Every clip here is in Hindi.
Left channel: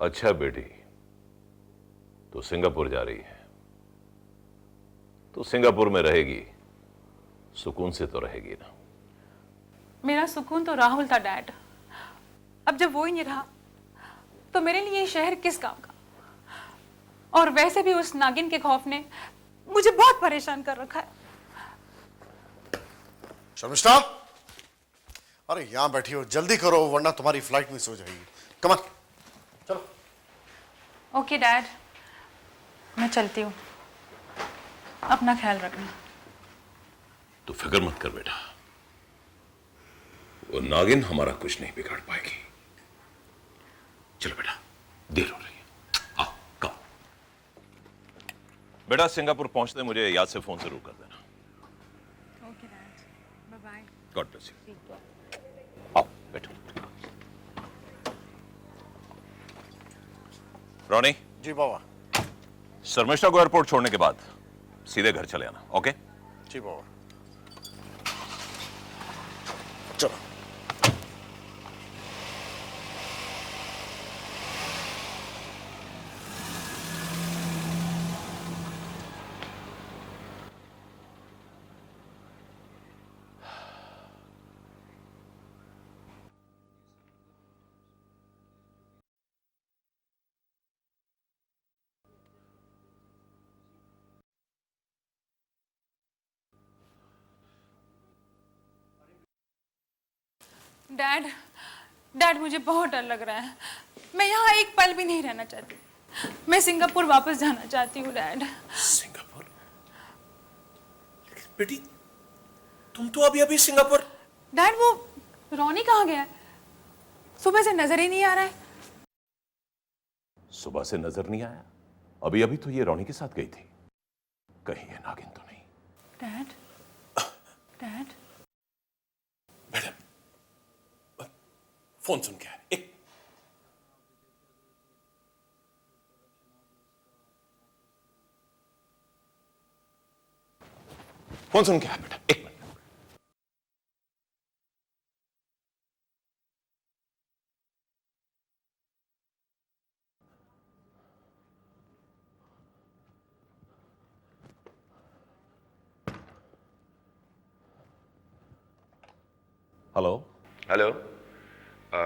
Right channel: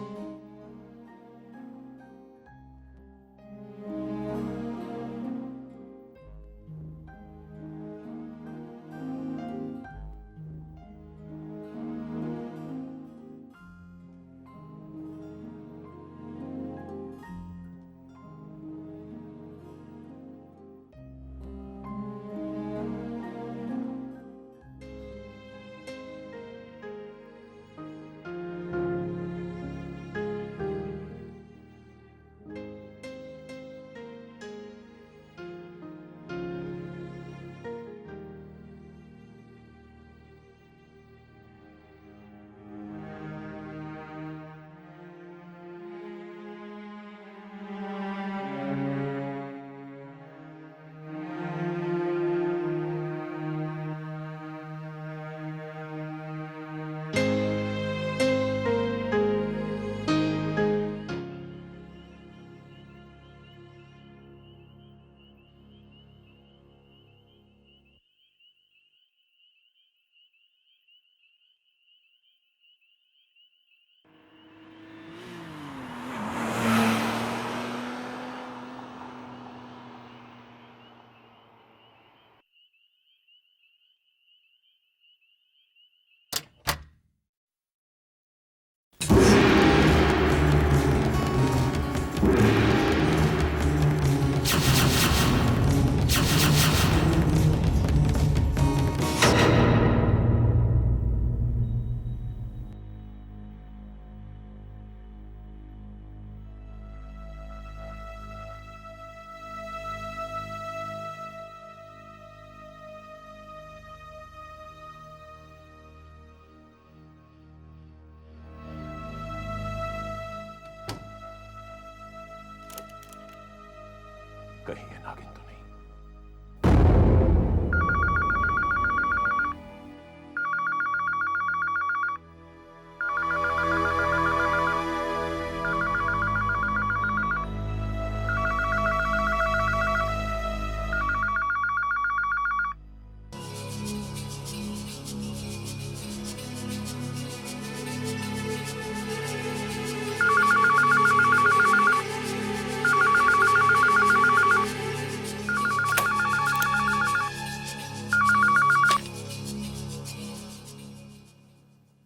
अच्छा बेटी, तो सिंगापुर जा रही है तो सिंगापुर में रहेगी, सुकून से तो रहेगी ना। मेरा सुकून तो राहुल था डैड। अब जब वो ही नहीं रहा तो मेरे लिए ये शहर किस काम का। और वैसे भी उस नागिन के खौफ ने मुझे बहुत परेशान कर रखा है। शर्मिष्ठा, अरे यहां बैठी हो, जल्दी करो वरना तुम्हारी फ्लाइट मिस हो जाएगी। कम ऑन, चलो। ओके डैड, मैं चलती हूँ, अपना ख्याल रखना। तू फिक्र मत कर बेटा, वो नागिन हमारा कुछ नहीं बिगाड़ पाएगी। चलो बेटा, देर हो रही है, आओ कम। बेटा सिंगापुर पहुंचते मुझे याद से फोन जरूर कर देना। God bless you. आओ बैठो। रॉनी। जी बाबा। शर्मिष्ठा को एयरपोर्ट छोड़ने के बाद सीधे घर चले आना, ओके? जी बाबा। चलो। मुझे बहुत डर लग रहा है। मैं यहाँ एक पल भी नहीं रहना चाहती। मैं सिंगापुर वापस जाना चाहती हूँ डैड। सिंगापुर? बेटी, तुम तो अभी अभी सिंगापुर। डैड वो रॉनी कहाँ गया है? सुबह से नजर ही नहीं आ रहा है। सुबह से नजर नहीं आया? अभी अभी तो ये रॉनी के साथ गई थी। कहीं ये नागिन तो नहीं? डैड, मैडम, फोन सुन क्या है? फोन सुन क्या है बेटा? हेलो। हेलो,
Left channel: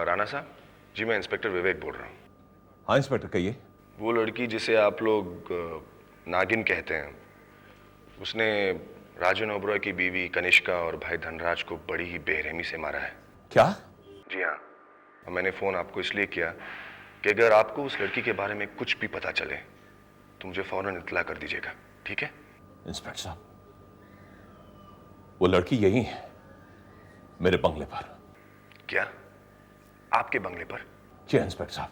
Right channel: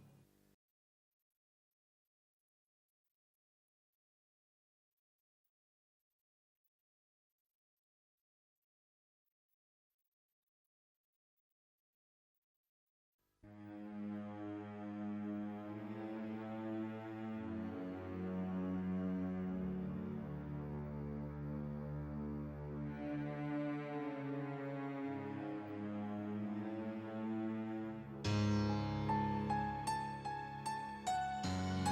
राणा साहब जी, मैं इंस्पेक्टर विवेक बोल रहा हूँ। हाँ इंस्पेक्टर कहिए। वो लड़की जिसे आप लोग नागिन कहते हैं, उसने राजन ओबरॉय की बीवी कनिष्का और भाई धनराज को बड़ी ही बेरहमी से मारा है। क्या? जी हाँ, मैंने फोन आपको इसलिए किया कि अगर आपको उस लड़की के बारे में कुछ भी पता चले तो मुझे फौरन इत्तला कर दीजिएगा, ठीक है? इंस्पेक्टर साहब, वो लड़की यही है, मेरे बंगले पर। क्या? आपके बंगले पर? जी इंस्पेक्टर साहब,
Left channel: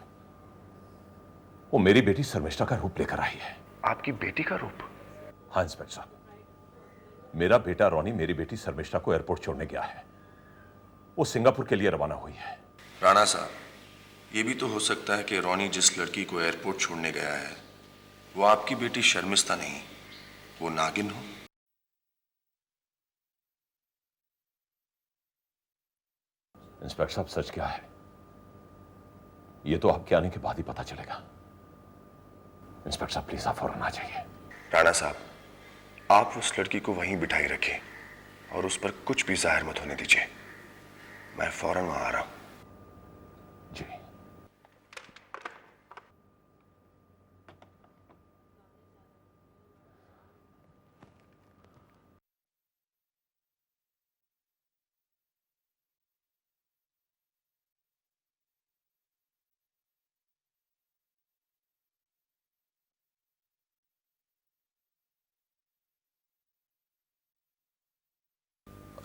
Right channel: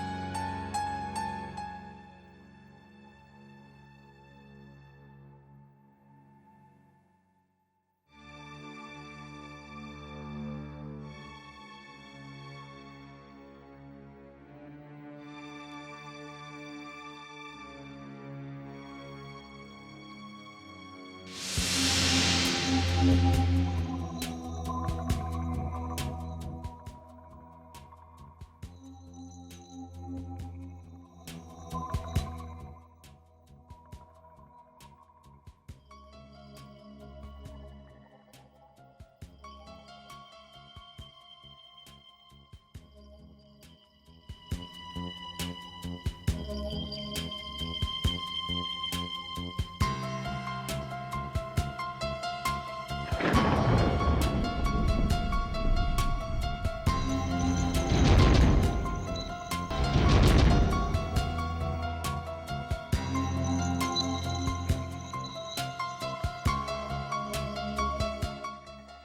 वो मेरी बेटी शर्मिष्ठा का रूप लेकर आई है। आपकी बेटी का रूप? हाँ इंस्पेक्टर साहब, मेरा बेटा रॉनी मेरी बेटी शर्मिष्ठा को एयरपोर्ट छोड़ने गया है। वो सिंगापुर के लिए रवाना हुई है। राणा साहब, ये भी तो हो सकता है कि रॉनी जिस लड़की को एयरपोर्ट छोड़ने गया है वो आपकी बेटी शर्मिष्ठा नहीं, वो नागिन हो। इंस्पेक्टर साहब, सच क्या है ये तो आपके आने के बाद ही पता चलेगा। इंस्पेक्टर साहब प्लीज आप फौरन आ जाइए। राणा साहब, आप उस लड़की को वहीं बिठाई रखें और उस पर कुछ भी जाहिर मत होने दीजिए। मैं फौरन वहां आ रहा हूं। जी।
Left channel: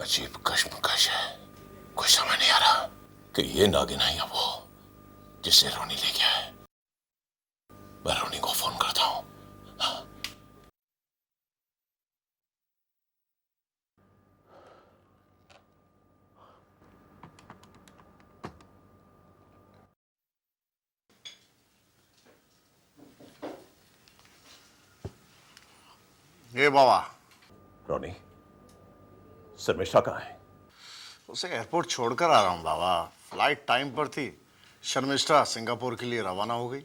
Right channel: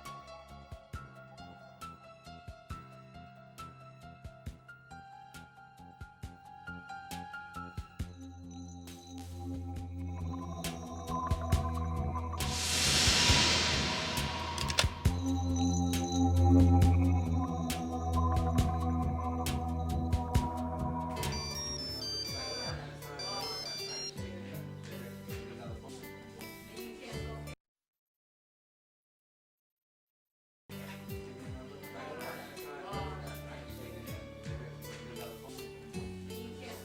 अजीब कश्मकश है, कुछ समझ नहीं आ रहा कि ये नागिन है या वो जिसे रोनी ले गया है। मैं रोनी को फोन करता हूं। हाँ। ये बाबा, रोनी, शर्मिष्ठा कहाँ है? उसे एयरपोर्ट छोड़कर आ रहा हूँ बाबा। फ्लाइट टाइम पर थी, शर्मिष्ठा सिंगापुर के लिए रवाना हो गई।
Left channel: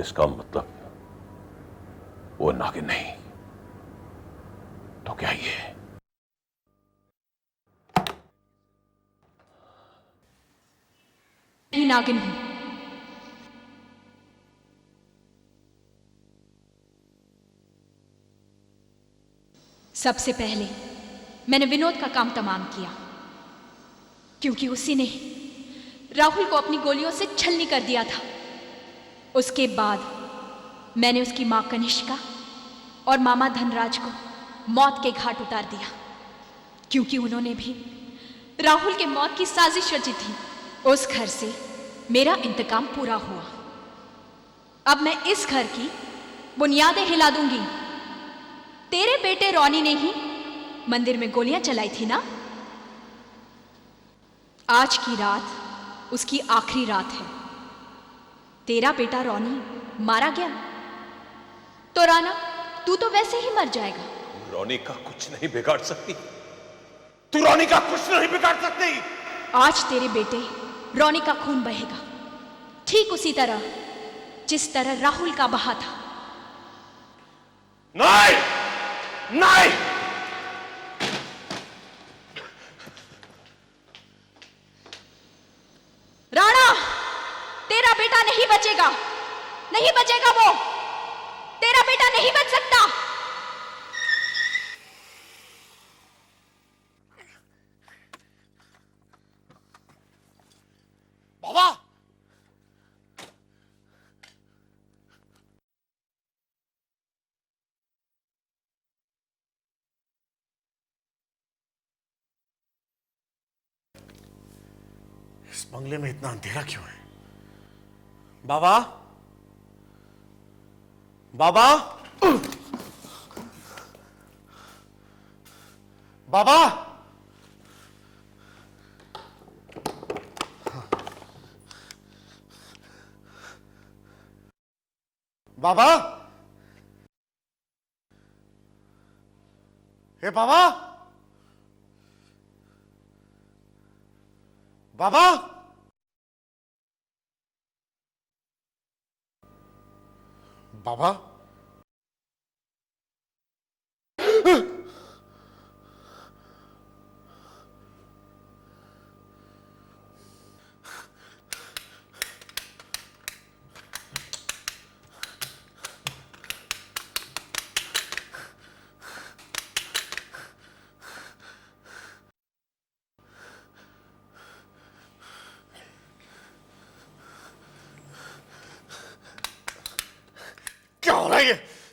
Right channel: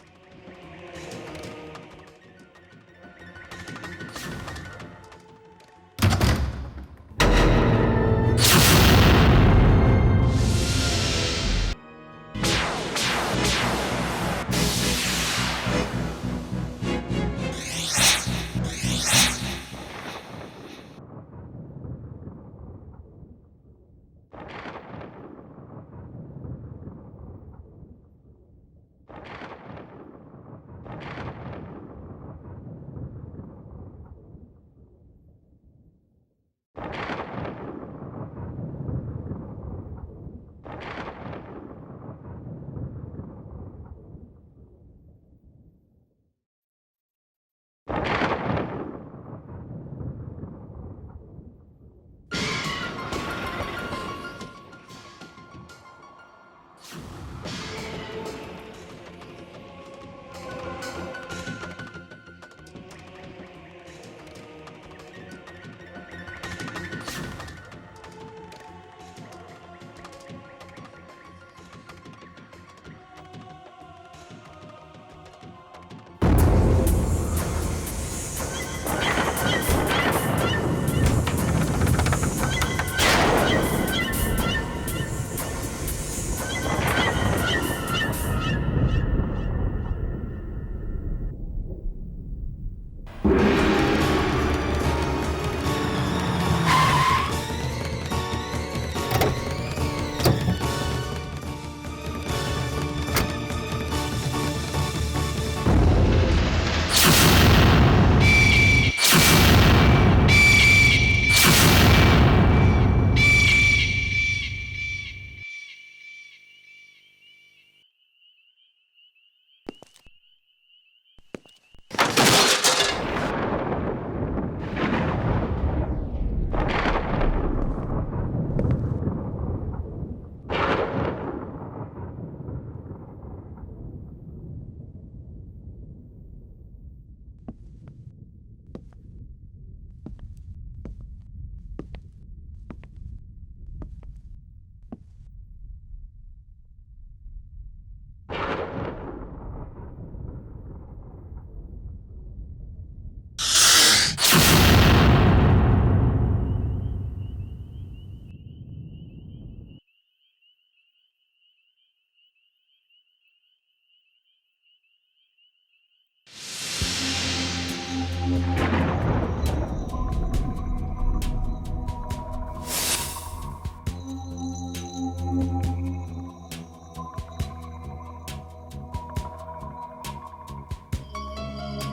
इसका मतलब वो नागिन नहीं तो क्या ये? ही नागिन हूं। सबसे पहले मैंने विनोद का काम तमाम किया, क्योंकि उसी ने राहुल को अपनी गोलियों से छलनी कर दिया था। उसके बाद मैंने उसकी मां कनिष्का और मामा धनराज को मौत के घाट उतार दिया, क्योंकि उन्होंने भी राहुल के मौत की साजिश रची थी। उस घर से मेरा इंतकाम पूरा हुआ। अब मैं इस घर की बुनियादें हिला दूंगी। तेरे बेटे रॉनी ने ही मंदिर में गोलियां चलाई थी ना? आज की रात उसकी आखिरी रात है। तेरा बेटा रॉनी मारा गया तो राना, तू तो वैसे ही मर जाएगा। रॉनी का कुछ नहीं बिगाड़ सकती। तू रॉनी का कुछ नहीं बिगाड़ सकती। आज तेरे बेटे रॉनी का खून बहेगा, ठीक उसी तरह जिस तरह राहुल का बहा था। नहीं, नहीं। राणा, तेरा बेटा नहीं बचेगा, नहीं बचेगा। वो तेरा बेटा नहीं बच सकता। इस बंगले में इतना अंधेरा क्यों है? बाबा, बाबा, बाबा, बाबा, हे बाबा, बाबा, बाबा, क्या हो रहा है ये?